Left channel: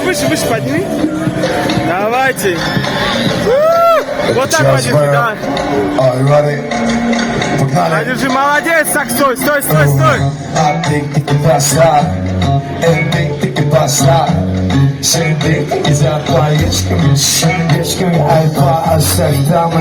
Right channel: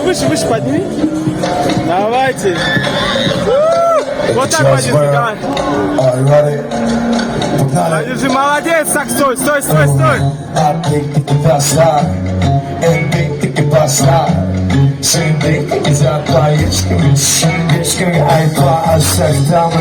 Выше, подними. Давайте. Вот так подержи, давай. Подержи, молодец, так, стой.